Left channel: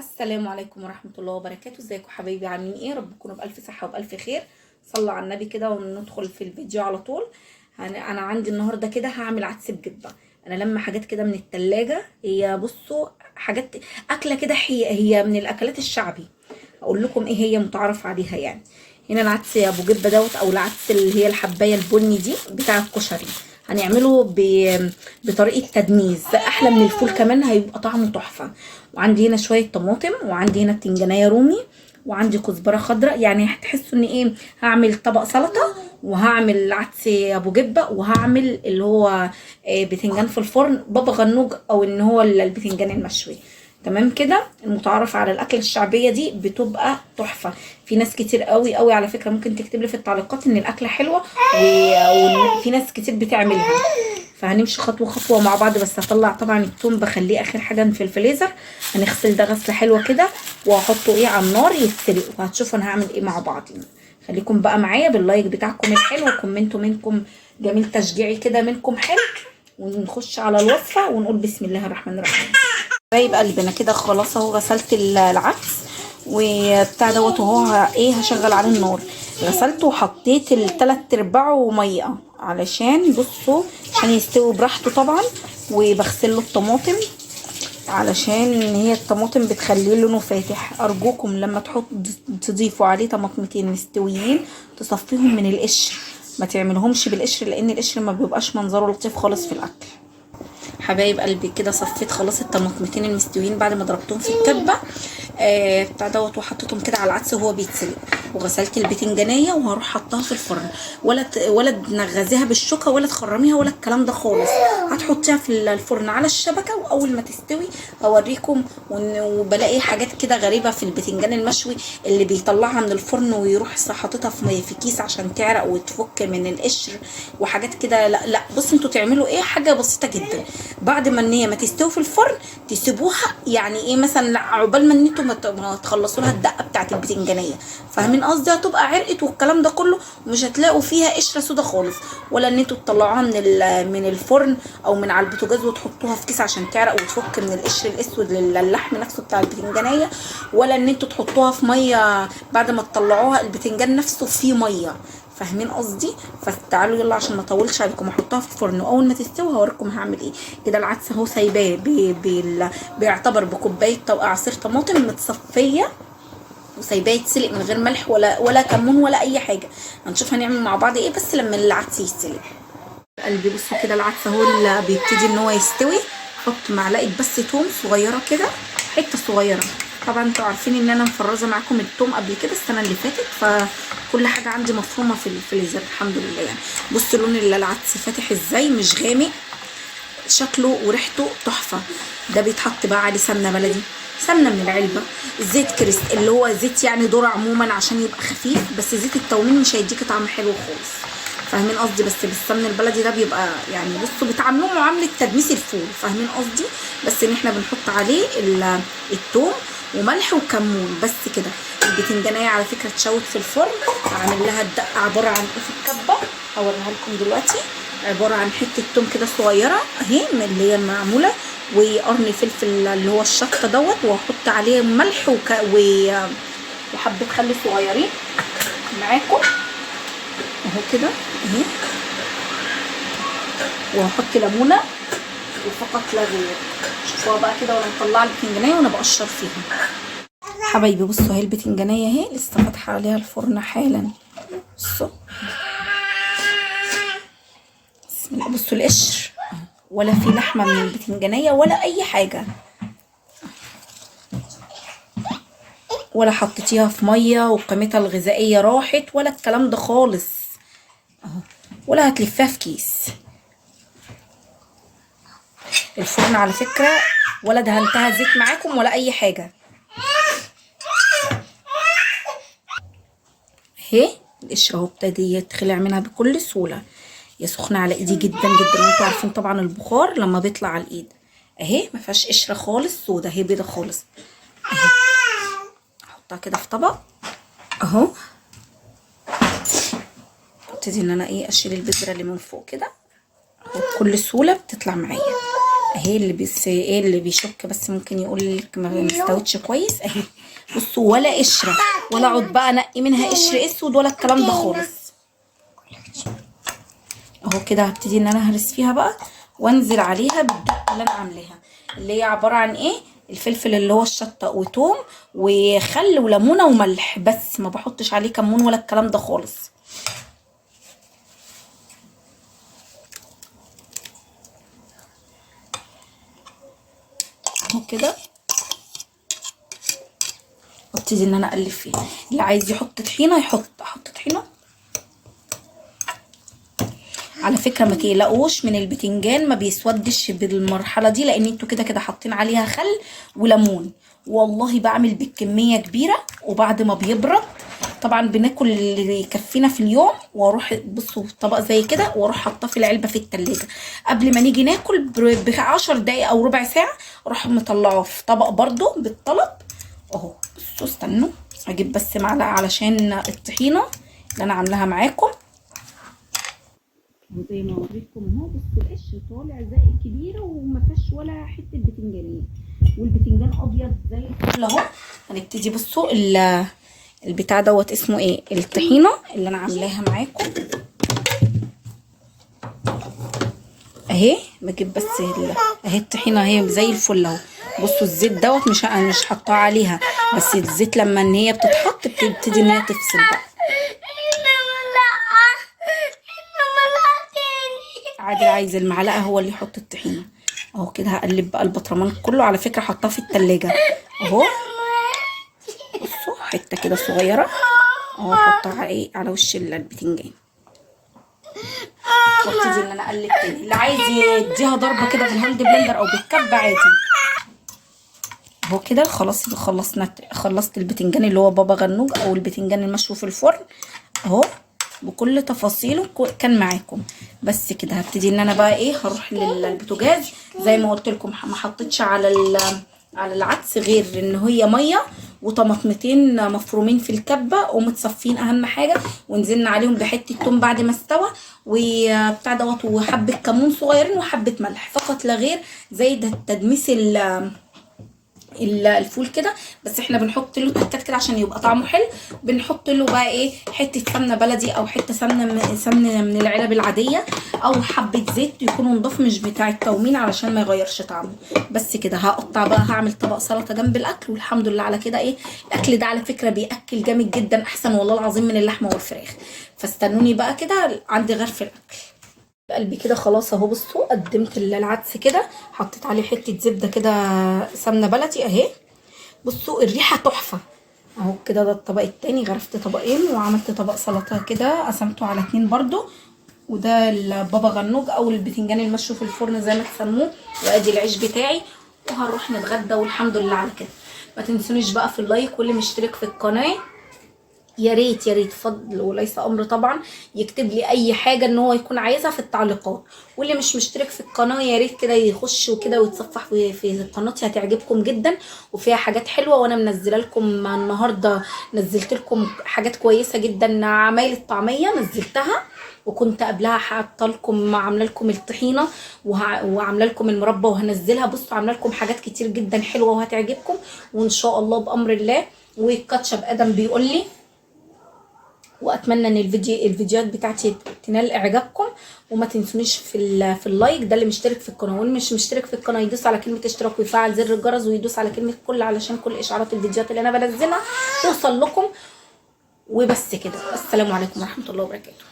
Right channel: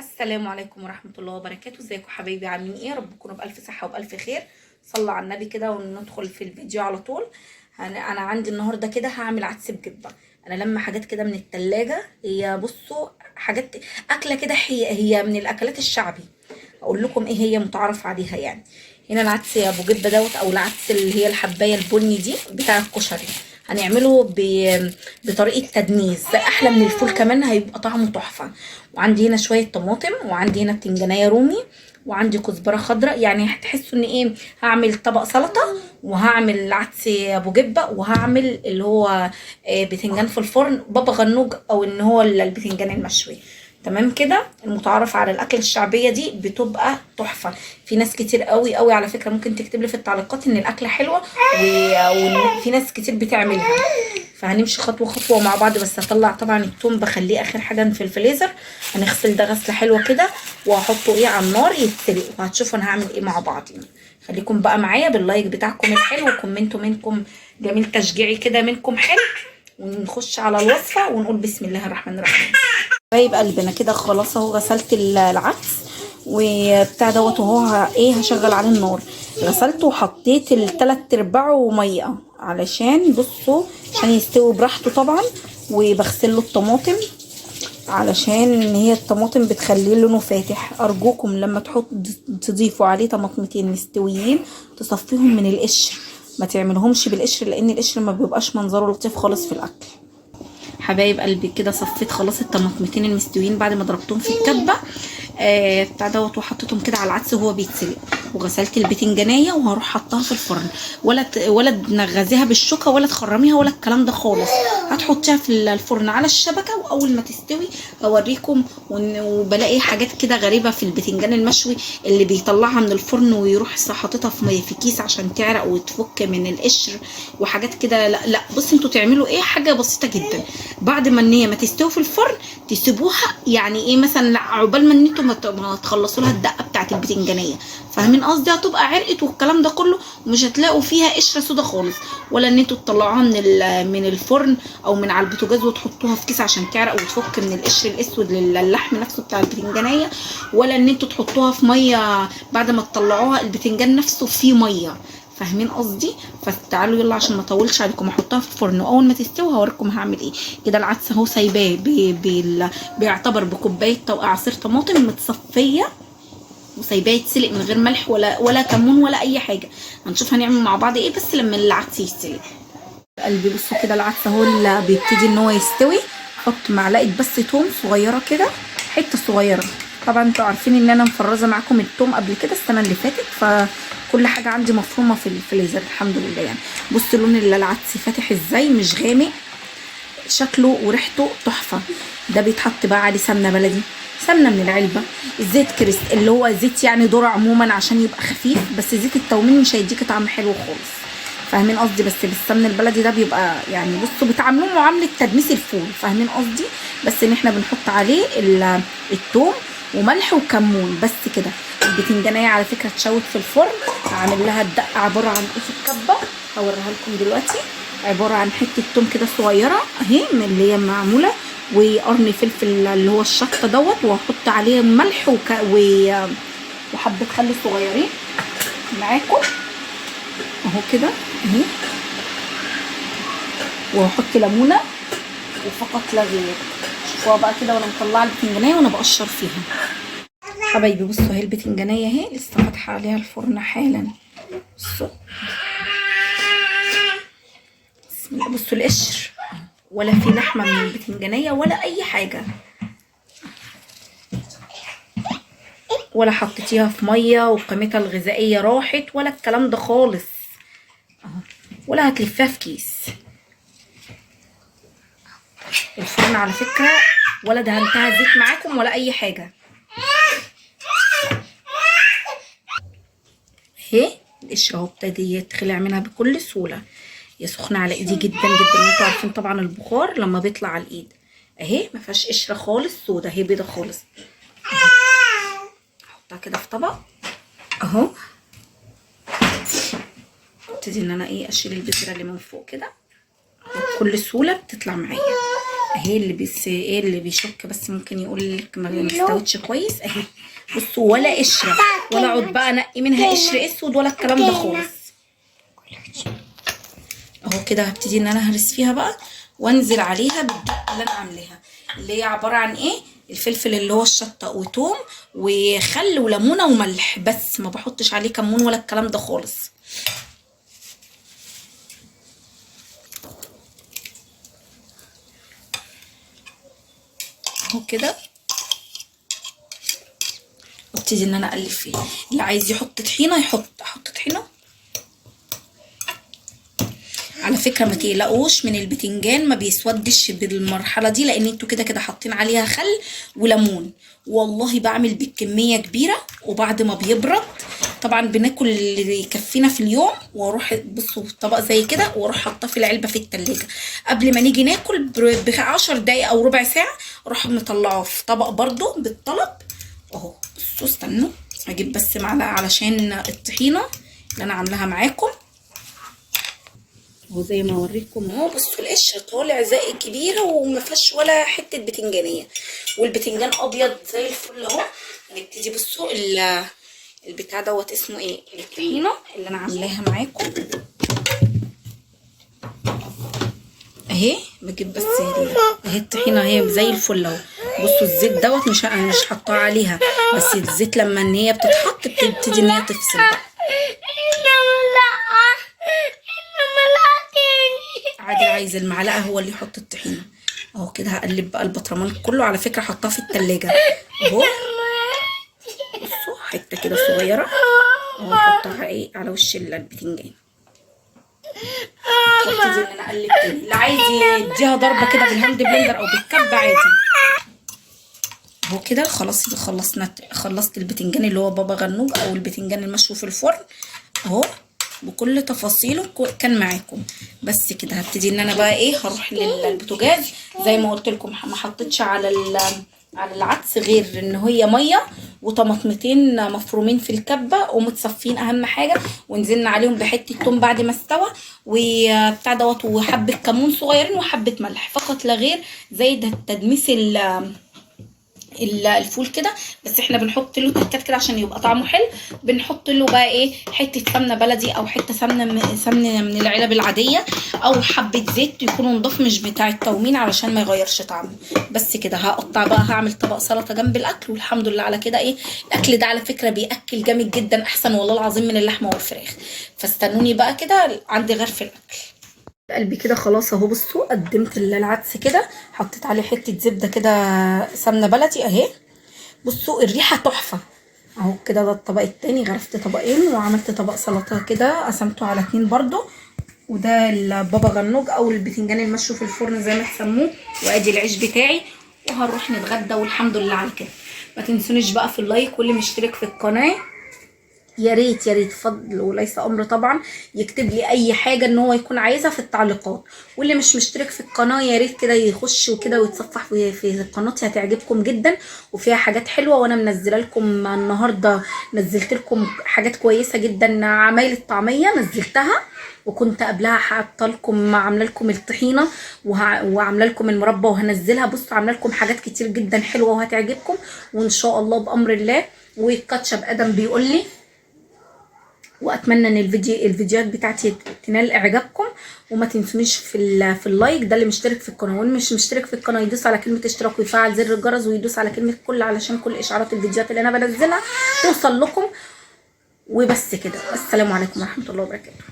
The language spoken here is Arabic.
السلام عليكم ورحمة الله وبركاته. ازيكم حبايبي؟ عاملين ايه؟ رب تكونوا بألف صحة وبألف خير. صلوا على النبي كده وندخل في الفيديو على طول. انا عندي النهارده كده هعمل عدس بجبة. انا لما حاجات كده من التلاجة، هي بصوا حاجات اكلة كده، هي من الاكلات الشعبي. اقول لكم ايه هي متعارف عليها يعني. هنا العدس يا ابو جبة دوت، او العدس اللي هي الحباية البني دي بتاع الكشري. هنعمله بطريقة تدميس احلى من الفول، كمان هيبقى طعمه تحفة. وعندي هنا شويه طماطم، وعندي هنا بتنجانيه رومي، وعندي كزبره خضراء. يعني هتحسوا ان ايه، هعمل طبق سلطه، وهعمل عدس ابو جبه، وهعمل اللي هو بتنجان في الفرن بابا غنوج، او ان هو البتنجان المشوي. تمام كده. المتعارف على الاكل الشعبيه دي بتبقى تحفه. في ناس كتير قوي قوي على فكره ممكن تكتب لي في التعليقات ان الاكله حلوه، وفي ناس كتير بتعملها. فهنمشي خطوه خطوه مع بعض. بس هطلع طبعا التوم، بخليه اخر حاجه في الفريزر. هنغسل ده غسله حلوه كده، وهحطه ايه على النار يتسلق، وهتشوفوا انا هعمل ايه مع بعض. خليكم بقى معايا باللايك بتاعكم الحلو، وكومنتوا منكم جميل، تشجيعي كده منكم حلو. ونخش على الوصفه ونقول بسم الله الرحمن الرحيم. حبايب قلبنا كده خلاص اهو، غسلت العدس وبتاع دوت، وهو ايه هشغل عليه النار. غسلته وحطيت التلات ارباعه ميه، علشان بصوا عشان يستوي براحته طبعا. وبغسل له الطماطم، علشان هي الطماطم بتخليه لونه فاتح. ارجوكم لما تضيفوا عليه طماطمتين مستويين تصفيهم من القشر، ما تعملهمش بالقشر، لان القشر ما بيبقاش منظره لطيف خالص في الاكل. حبايب قلبي كده صفيت خلاص الطماطمتين المستويين بعد ما ضربتهم في الكبه بتاع دوت، وحطيتهم كده على العدس وهو بيتسلق. وغسلت البتنجانيه وهروح حطها في الفرن. ولا تنغزيها بالشوكه، ولا تخرميها، ولا الكلام ده خالص. هتحطيها في الفرن على الشبكه، واول ما تستوي هوريكم. وبلاقي حاجات كده غريبه في البتنجان المشوي، اللي بيطلعها من الفرن ويروح حاططها في كيس عشان تعرق وتفك من القشر وحاجات كده. لا لا، بص انتوا تعملوا ايه، حاجه بسيطه جدا. بعد ما ان هي ما تستوي في الفرن تسيبوها، يعني ايه مثلا، لا عقبال ما انتوا ما تخلصوا لها الدقه بتاعت البتنجانيه. فاهمين قصدي؟ هتبقى عرقت والكلام ده كله، ومش هتلاقوا فيها قشره سودا خالص. ولا ان انتوا تطلعوها من الفرن او من على البوتاجاز وتحطوها في كيس عشان تعرق وتفك من القشر الاسود للحم نفسه بتاع البتنجانيه. ولا ان انتوا تحطوها في ميه بعد ما تطلعوها، البتنجان نفسه فيه ميه. فاهمين قصدي؟ فتعالوا يلا عشان ما اطولش عليكم، احطها في الفرن، واول ما تستوي هوريكم هعمل ايه. كده العدس اهو سايباه بيعتبر بكوبايه عصير طماطم متصفيه، وسايباه يتسلق من غير ملح ولا كمون ولا اي حاجه. هنشوف هنعمل مع بعض ايه بس لما العدس يستوي. قلبي بصوا كده العدس اهو اللي بيبتدي ان هو يستوي. احط معلقه بس توم صغيره كده، حته صغيره. طبعا انتوا عارفين ان انا مفرزه معاكم التوم قبل كده السنه اللي فاتت، فكل حاجه عندي مفرومه في الفريزر الحمد لله يعني. بصوا لون العدس فاتح ازاي، مش غامق، شكله وريحته تحفه. ده بيتحط بقى عليه سمنه بلدي، سمنه من العلبه، زيت كريست اللي هو زيت يعني ذره عموما عشان يبقى خفيف، بس زيت التومين مش هيديك طعم حلو خالص. فاهمين قصدي؟ بس بالسمن البلدي ده بيبقى يعني بصوا بتعاملوه معامله تدميس الفول. فاهمين قصدي؟ بس ان احنا بنحط عليه الثوم وملح وكمون بس كده. البتنجانيه على فكره اتشوت في الفرن، هعمل لها الدقه عباره عن ايه في الكبه، هوريها لكم دلوقتي. عباره عن حته توم كده صغيره اهي من اللي هي معموله، وقرن فلفل اللي هو الشطه دوت، وهحط عليه ملح وحبه خل صغيرين معاكم اهو كده اهي. وهحط ليمونه وفقط لا غير. شوفوها بقى كده وانا مطلعه البتنجانيه وانا بقشر فيها. حبايبي بصوا اهي البتنجانيه اهي لسه فاتحه عليها الفرن حالا. بصوا بصوا القشر، ولا في لحمه من البتنجانيه ولا اي حاجه، ولا حطيتيها في ميه وقيمتها الغذائيه راحت ولا الكلام ده خالص اهو. ولا هتلفها في كيس. الفرن على فكره ولا دهنتها زيت معاكم ولا اي حاجه اهي. القشره اهو ابتدي يتخلع منها بكل سهوله. هي سخنه على ايدي جدا جدا، وانتوا عارفين طبعا البخار لما بيطلع على الايد اهي ما فيهاش قشره خالص سودا، هي بيضه خالص اهي. احطها كده في طبق اهو. ابتدي ان انا ايه اشيل البذره اللي من فوق كده بكل سهوله بتطلع معايا. اهي اللي بس ايه اللي بيشك بس ممكن يقول لك ما استوتش كويس اهي. بصوا ولا قشره، ولا اقعد بقى انقي منها قشر اسود ولا الكلام ده خالص. اهو كده هبتدي ان انا هرس فيها بقى وانزل عليها بالدقه اللي انا عاملاها، اللي هي عباره عن ايه؟ الفلفل اللي هو الشطه وتوم وخل وليمونه وملح بس، ما بحطش عليه كمون ولا الكلام ده خالص. اهو كده وابتدي ان انا اقلب فيه. اللي عايز يحط طحينه احط طحينه. على فكره ما تقلقوش من البتنجان، ما بيسودش بالمرحله دي لان انتوا كده كده حاطين عليها خل وليمون. والله بعمل بالكميه كبيره وبعد ما بيبرد طبعا بناكل اللي يكفينا في اليوم، واروح بصوا طبق زي كده واروح حاطاه في العلبه في التلاجة قبل ما نيجي ناكل ب10 دقايق او ربع ساعه، اروح مطلعاه في طبق برده بالطلب. اهو بصوا استنوا اجيب بس معلقه علشان الطحينه اللي انا عاملاها معاكم. اهو زي ما اوريكم اهو، بصوا القشره طالع زي كبيره وما فيهاش ولا حته بتنجانيه، والبتنجان ابيض زي الفل اهو. هنبتدي بصوا البتاع دوت اسمه ايه، الطحينه اللي انا عاملاها معاكم اهي. بجيب بس اهي الطحينه اهي زي الفل اهو. بصوا الزيت دوت مش حاطاه عليها، بس الزيت لما ان هي بتتحط بتبتدي ان هي تفصل بقى. عادل عايز المعلقه هو اللي يحط الطحينه. اهو كده هقلب بقى البطرمان كله، على فكره حطاه في التلاجة اهو. بصوا حته كده صغيره اهو احطها ايه على وش البتنجان، وابتدي ان انا اقلب تاني. اللي عايز يديها ضربه كده بالهاند بلندر او بالكب عادي. اهو كده خلاص خلصت البتنجان اللي هو بابا غنوج او البتنجان المشوي في الفرن اهو بكل تفاصيله كان معاكم. بس كده هبتدي ان انا بقى ايه هروح للبوتاجاز. زي ما قلت لكم ما حطيتش على العدس غير ان هي ميه وطماطمتين مفرومين في الكبه ومتصفين اهم حاجه، ونزلنا عليهم بحته توم بعد ما استوى وبتاع دوت وحبه كمون صغيرين وحبه ملح فقط لا غير، زي ده تدميس الفول كده. بس احنا بنحط له تكات كده عشان يبقى طعمه حلو. بنحط له بقى ايه حته سمنه بلدي او حته سمنه من العلب العاديه، او حبه زيت يكونوا نضاف مش بتاع التومين علشان ما يغيرش طعمه. بس كده هقطع بقى هعمل طبق سلطه جنب الاكل، والحمد لله على كده. ايه الاكل ده على فكره بياكل جامد جدا، احسن والله العظيم من اللحمه والفراخ. فاستنوني بقى كده عندي غرف الاكل. قلبي كده خلاص اهو. بصوا قدمت العدس كده، حطيت عليه حته زبده كده سمنه بلدي اهي. بصوا الريحه تحفه اهو كده. ده الطبق التاني، غرفت طبقين وعملت طبق سلطه كده قسمته على 2 برضو. وده البابا غنوج او البتنجان المشوي في الفرن زي ما تسموه. وادي العيش بتاعي وهنروح نتغدى والحمد لله على كده. ما تنسونيش بقى في اللايك، واللي مشترك في القناه يا ريت يا ريت فضل وليس امر طبعا يكتب لي اي حاجه ان هو يكون عايزها في التعليقات. واللي مش مشترك في القناه يا ريت كده يخش وكده ويتصفح في قناتي، هتعجبكم جدا وفيها حاجات حلوه. وانا منزله لكم النهارده، نزلت لكم حاجات كويسه جدا. عمايل الطعميه نزلتها، وكنت قبلها حاطه لكم عامله لكم الطحينه وعامله لكم المربى وهنزلها. بصوا عامله لكم حاجات كتير جدا حلوه وهتعجبكم وان شاء الله بامر الله. والكاتشب ادم بيقول لي، واتمنى ان الفيديوهات بتاعتي تنال اعجابكم. وما تنسونيش في اللايك، ده اللي مشترك في القناه. واللي مش مشترك في القناه يدوس على كلمه اشتراك ويفعل زر الجرس ويدوس على كلمه كل علشان كل اشعارات الفيديوهات اللي انا بنزلها توصل لكم. وبس كده، السلام عليكم ورحمه الله وبركاته.